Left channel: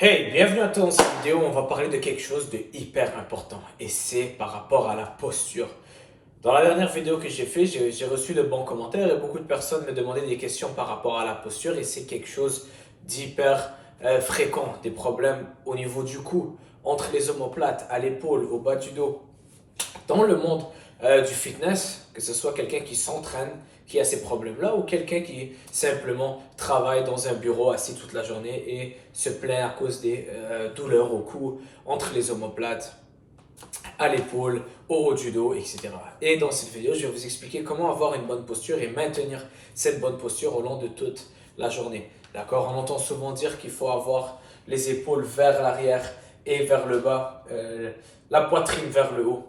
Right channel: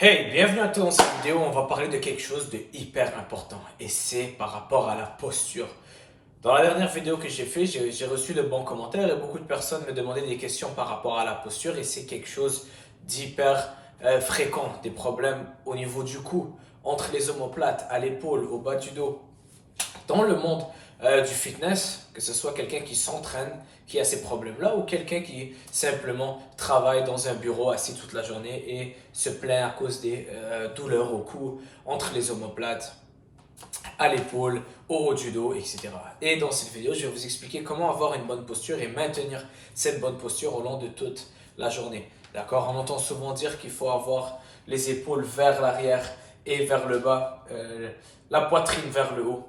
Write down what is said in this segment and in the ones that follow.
Hey, bienvenue à toi dans cette vidéo. On va parler de quelque chose de hyper important et c'est par rapport à la posture. Dans la dernière vidéo que j'ai fait, j'ai reçu de bons commentaires et beaucoup de personnes me demandaient des questions par rapport à la posture et c'est quelque chose d'hyper fréquent, des problèmes au niveau du cou, entre les omoplates, à l'épaule, au bas du dos. Dans le monde du fitness, que ce soit quelqu'un qui s'entraîne, qui a ces problèmes-là, ou quelqu'un qui simplement travaille dans un bureau assis toute la journée et se plaint à cause des douleurs au cou, entre les omoplates, à l'épaule, au haut du dos, etc. Et dans cette vidéo, je vais vous expliquer comment avoir une bonne posture et maintenir cette bonne posture au long de toute la journée. D'accord? On entend souvent dire qu'il faut avoir les épaules vers l'arrière et vers le bas, la poitrine vers le haut.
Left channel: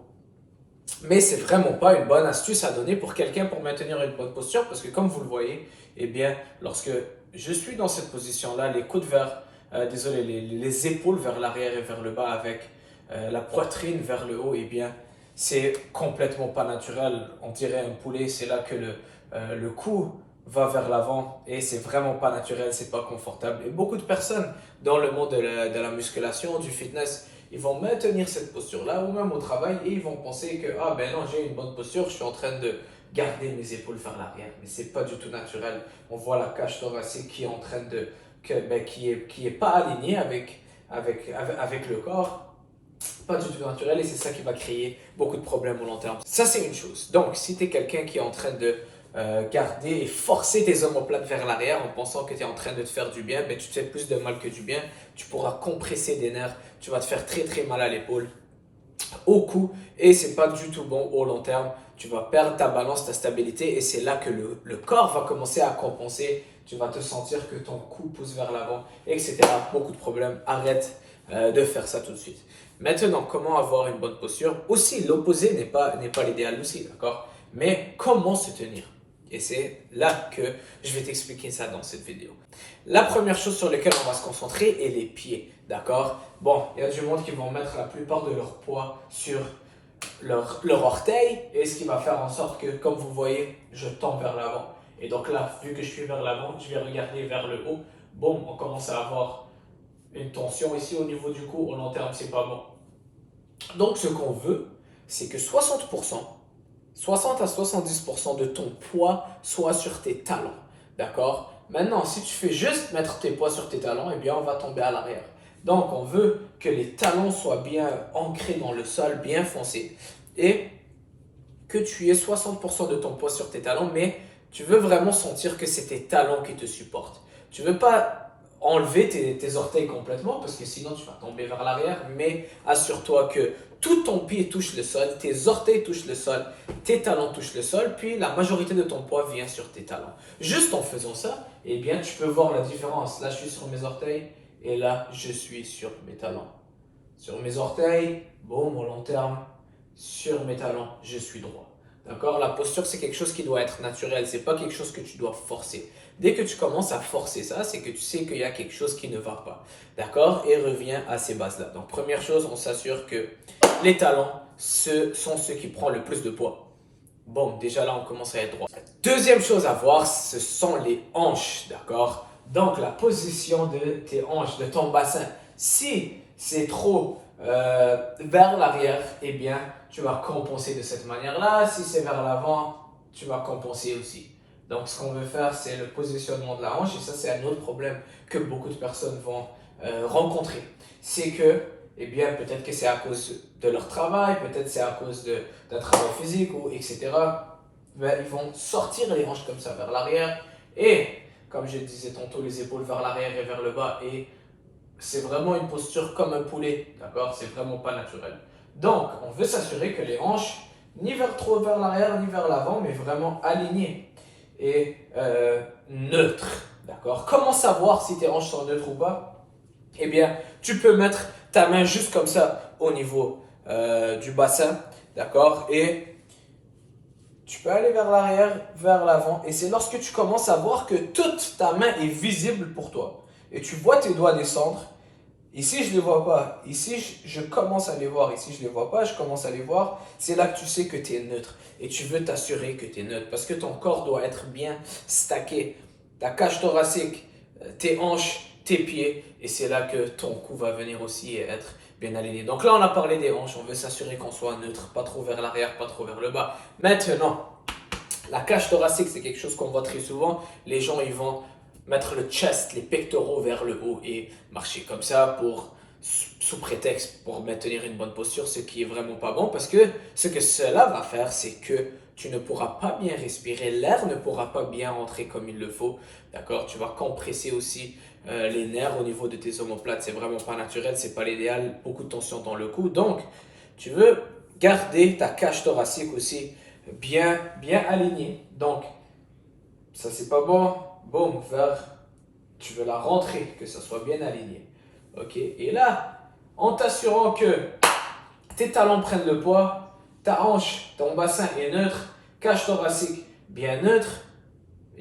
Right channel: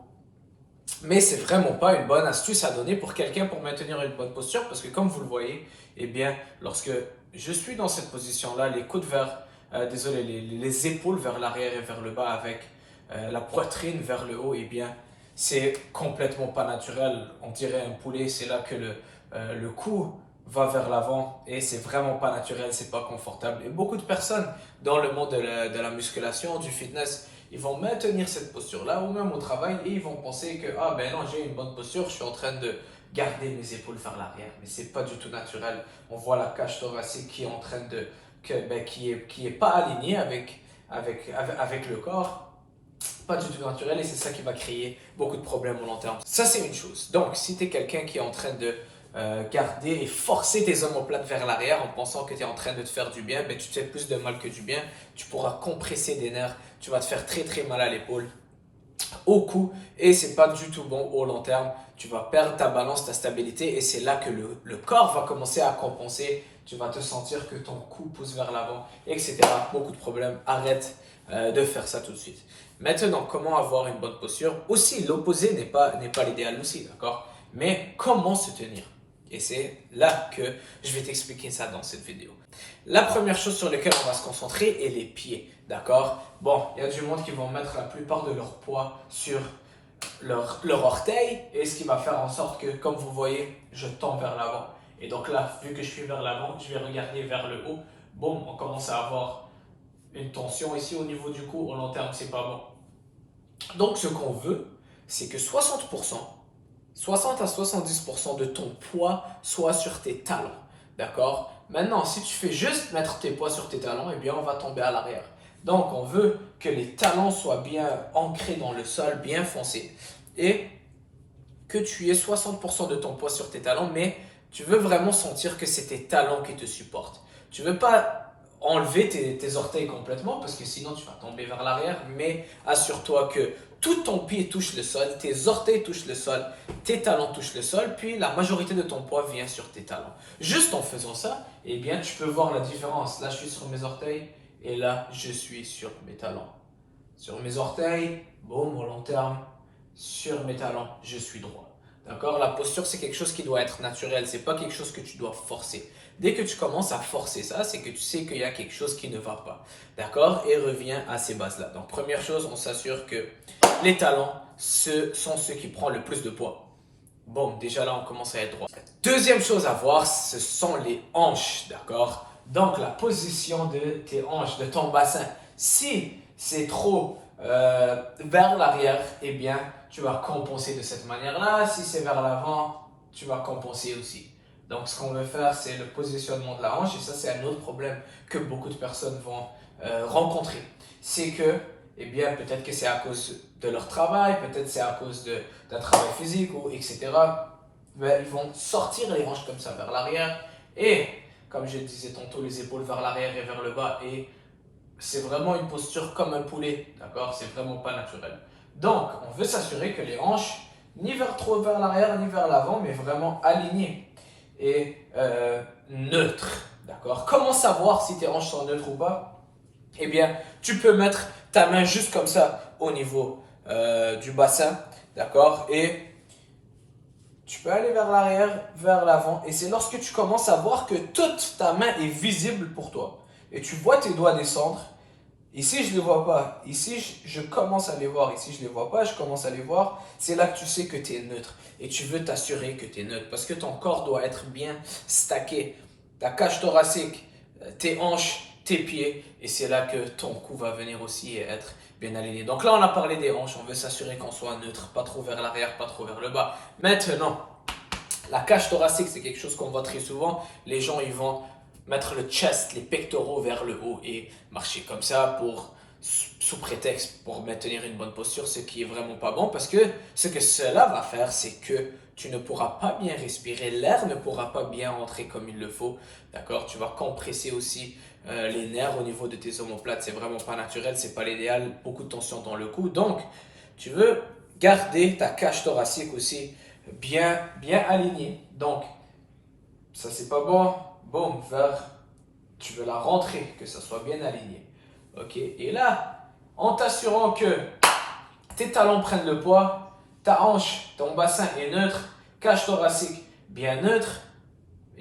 Mais c'est vraiment pas une bonne astuce à donner pour quelqu'un pour maintenir une bonne posture parce que comme vous le voyez, eh bien, lorsque je suis dans cette position-là, les coudes vers, les épaules vers l'arrière et vers le bas avec la poitrine vers le haut, eh bien, c'est complètement pas naturel. On dirait un poulet, c'est là que le cou va vers l'avant et c'est vraiment pas naturel, c'est pas confortable. Et beaucoup de personnes dans le monde de la musculation, du fitness, ils vont maintenir cette posture-là ou même au travail et ils vont penser que ah ben non, j'ai une bonne posture, je suis en train de garder mes épaules vers l'arrière, mais c'est pas du tout naturel. On voit la cage thoracique qui est en train de qui est pas alignée avec le corps. Pas du tout naturel et c'est ça qui va créer beaucoup de problèmes au long terme. Ça, c'est une chose. Donc, si tu es quelqu'un qui est en train de garder et forcer tes omoplates vers l'arrière en pensant que tu es en train de te faire du bien, ben, tu te fais plus de mal que du bien. Tu pourras compresser des nerfs, tu vas te faire très très mal à l'épaule, au cou et c'est pas du tout bon au long terme. Tu vas perdre ta balance, ta stabilité et c'est là que le corps va commencer à compenser. Tu vas te sentir que ton cou pousse vers l'avant, etc. Beaucoup de problèmes. Arrête de faire ça tout de suite. Maintenant, comment avoir une bonne posture? Aussi, l'opposé n'est pas l'idéal aussi, d'accord? Mais comment se tenir? Et c'est là que je vais t'expliquer ça dans cette vidéo. La première chose sur laquelle on va se concentrer est les pieds, d'accord? Bon, il y a du monde qui vont mettre la plupart de leur poids sur leur orteil et ce qui va faire en sorte que, comme vous voyez, je tends vers l'avant. Et donc là, vu que je suis vers l'avant, je vais regarder vers le haut. Boum, on commence à avoir une tension ici au niveau du cou. Au long terme, c'est pas bon. Donc, ce qu'on veut, c'est que 60 à 70% de ton poids soit sur tes talons. D'accord? Maintenant, si tu fais juste mettre tes poids sur tes talons, eh bien, on va tomber à l'arrière. Donc, on veut que les talons soient bien ancrés dans le sol, bien foncés. Et que tu aies 60% de ton poids sur tes talons, mais tu veux vraiment sentir que c'est tes talons qui te supportent. Tu ne veux pas enlever tes orteils complètement parce que sinon tu vas tomber vers l'arrière, mais assure-toi que tout ton pied touche le sol, tes orteils touchent le sol, tes talons touchent le sol, puis la majorité de ton poids vient sur tes talons. Juste en faisant ça, eh bien tu peux voir la différence. Là, je suis sur mes orteils et là, je suis sur mes talons. Sur mes orteils, bon, au long terme, sur mes talons, je suis droit. D'accord? La posture, c'est quelque chose qui doit être naturel. C'est pas quelque chose que tu dois forcer. Dès que tu commences à forcer ça, c'est que tu sais qu'il y a quelque chose qui ne va pas. D'accord? Et reviens à ces bases-là. Donc, première chose, on s'assure que les talons, ce sont ceux qui prennent le plus de poids. Bon, déjà là, on commence à être droit. Deuxième chose à voir, ce sont les hanches. D'accord? Donc, la position de tes hanches, de ton bassin. Si c'est trop vers l'arrière, eh bien, tu vas compenser de cette manière-là. Si c'est vers l'avant, tu vas compenser aussi. Donc, ce qu'on veut faire, c'est le positionnement de la hanche. Et ça, c'est un autre problème que beaucoup de personnes vont rencontrer. C'est que, eh bien, peut-être que c'est à cause de leur travail, peut-être c'est à cause d'un travail physique, ou etc. Mais ils vont sortir les hanches comme ça vers l'arrière. Et, comme je disais tantôt, les épaules vers l'arrière et vers le bas. Et c'est vraiment une posture comme un poulet, d'accord? C'est vraiment pas naturel. Donc, on veut s'assurer que les hanches, ni trop vers l'arrière, ni vers l'avant, mais vraiment alignées et neutres, d'accord? Comment savoir si tes hanches sont neutres ou pas? Eh bien, tu peux mettre ta main juste comme ça au niveau du bassin, d'accord? Et tu peux aller vers l'arrière, vers l'avant. Et c'est lorsque tu commences à voir que toute ta main est visible pour toi. Et tu vois tes doigts descendre. Ici, je ne les vois pas. Ici, je commence à les voir. Ici, je ne les vois pas. Je commence à les voir. C'est là que tu sais que tu es neutre. Et tu veux t'assurer que tu es neutre. Parce que ton corps doit être bien stacké. Ta cage thoracique, tes hanches, tes pieds et c'est là que ton cou va venir aussi et être bien aligné. Donc là, on a parlé des hanches, on veut s'assurer qu'on soit neutre, pas trop vers l'arrière, pas trop vers le bas. Maintenant, la cage thoracique, c'est quelque chose qu'on voit très souvent. Les gens, ils vont mettre le chest, les pectoraux vers le haut et marcher comme ça sous prétexte pour maintenir une bonne posture, ce qui est vraiment pas bon parce que ce que cela va faire, c'est que tu ne pourras pas bien respirer, l'air ne pourra pas bien rentrer comme il le faut, d'accord? Tu vas compresser aussi les nerfs au niveau de tes omoplates, c'est vraiment pas naturel, c'est pas l'idéal, beaucoup de tension dans le cou, donc tu veux garder ta cage thoracique aussi bien alignée, donc ça c'est pas bon, boum, tu veux la rentrer, que ça soit bien aligné. Ok, et là, en t'assurant que tes talons prennent le poids, ta hanche, ton bassin est neutre, cage thoracique bien neutre,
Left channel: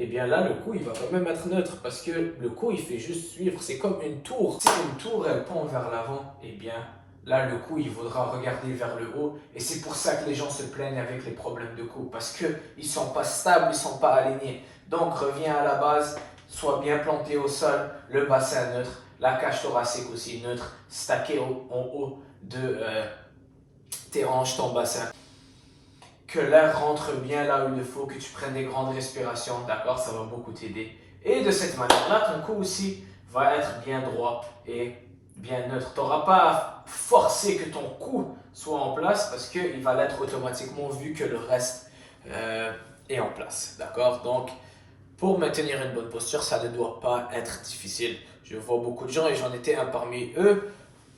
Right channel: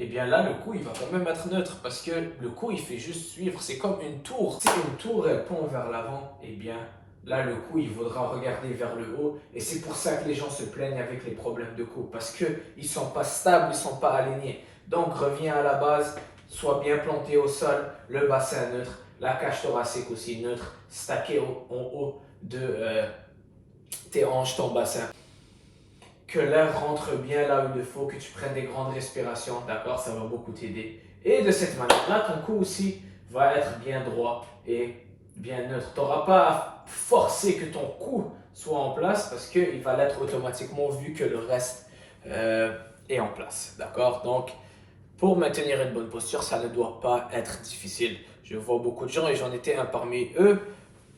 et bien là, le cou, il va quand même être neutre parce que le cou, il fait juste suivre. C'est comme une tour. Si une tour, elle pend vers l'avant, et bien là, le cou, il faudra regarder vers le haut. Et c'est pour ça que les gens se plaignent avec les problèmes de cou parce qu'ils ne sont pas stables, ils ne sont pas alignés. Donc, reviens à la base, sois bien planté au sol, le bassin neutre, la cage thoracique aussi neutre, stacké en haut de tes hanches, ton bassin. Que l'air rentre bien là où il faut, que tu prennes des grandes respirations, d'accord? Ça va beaucoup t'aider. Et de cette manière-là, ton cou aussi va être bien droit et bien neutre. Tu n'auras pas à forcer que ton cou soit en place parce qu'il va l'être automatiquement vu que le reste est en place, d'accord? Donc, pour maintenir une bonne posture, ça ne doit pas être difficile. Je vois beaucoup de gens et j'en étais un parmi eux.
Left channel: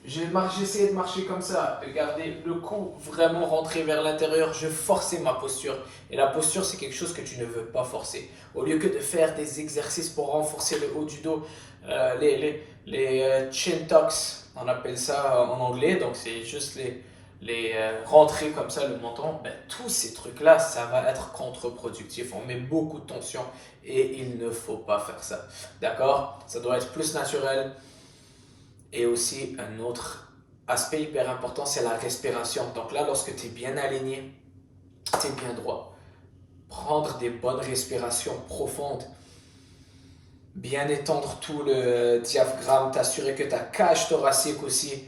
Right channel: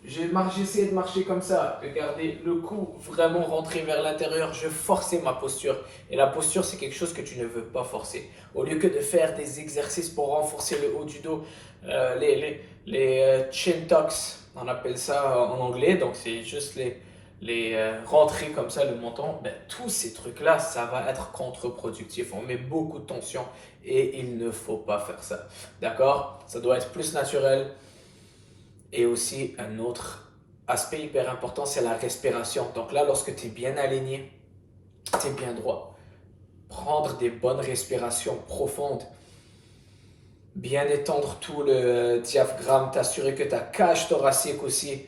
J'ai essayé de marcher comme ça, de garder le cou vraiment rentré vers l'intérieur. Je forçais ma posture. Et la posture, c'est quelque chose que tu ne veux pas forcer. Au lieu que de faire des exercices pour renforcer le haut du dos, les chin tucks, on appelle ça en anglais. Donc, c'est juste les rentrer comme ça, le menton. Ben, tous ces trucs-là, ça va être contre-productif. On met beaucoup de tension et il ne faut pas faire ça. D'accord? Ça doit être plus naturel. Et aussi, un autre aspect hyper important, c'est la respiration. Donc là, lorsque tu es bien aligné, tu es bien droit. Prendre des bonnes respirations profondes. Bien étendre tout le diaphragme. T'assurer que ta cage thoracique aussi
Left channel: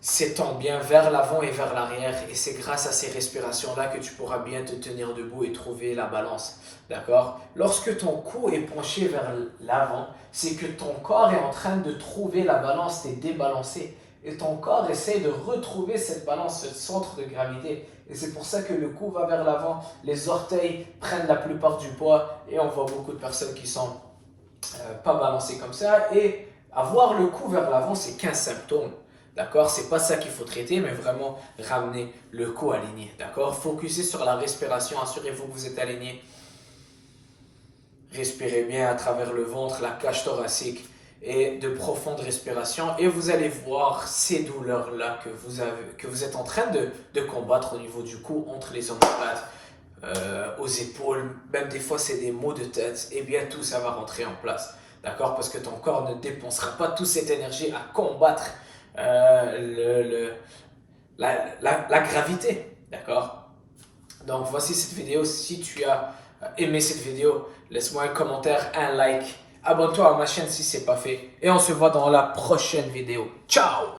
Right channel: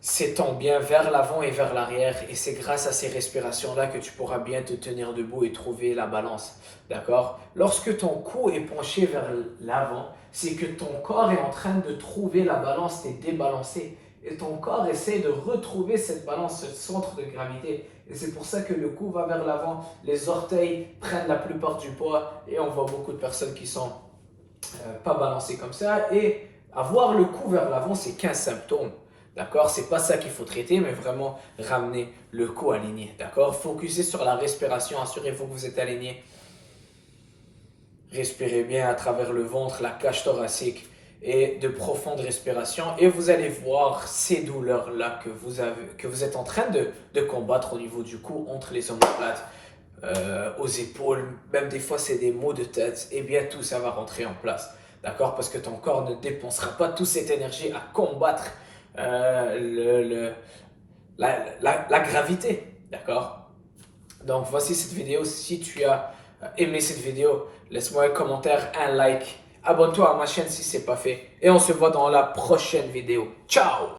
s'étend bien vers l'avant et vers l'arrière. Et c'est grâce à ces respirations-là que tu pourras bien te tenir debout et trouver la balance. D'accord? Lorsque ton cou est penché vers l'avant, c'est que ton corps est en train de trouver la balance, tu es débalancé. Et ton corps essaie de retrouver cette balance, ce centre de gravité. Et c'est pour ça que le cou va vers l'avant, les orteils prennent la plupart du poids et on voit beaucoup de personnes qui sont pas balancées comme ça. Et avoir le cou vers l'avant, c'est qu'un symptôme. D'accord? C'est pas ça qu'il faut traiter, mais vraiment ramener le cou aligné. D'accord? Focussez sur la respiration, assurez-vous que vous êtes aligné. Respirez bien à travers le ventre, la cage thoracique et de profondes respirations. Et vous allez voir ces douleurs-là que vous êtes en train de combattre au niveau du cou, entre les omoplates, aux épaules. Même des fois, c'est des maux de tête. Et bien, tout ça va rentrer en place. D'accord? Parce que ton corps ne dépensera pas toute cette énergie à combattre la gravité. D'accord? Donc, voici cette vidéo. Si tu as aimé cette vidéo, laisse-moi un commentaire, un like. Abonne-toi à ma chaîne si ce n'est pas fait. Et on se voit dans la prochaine vidéo. Ciao!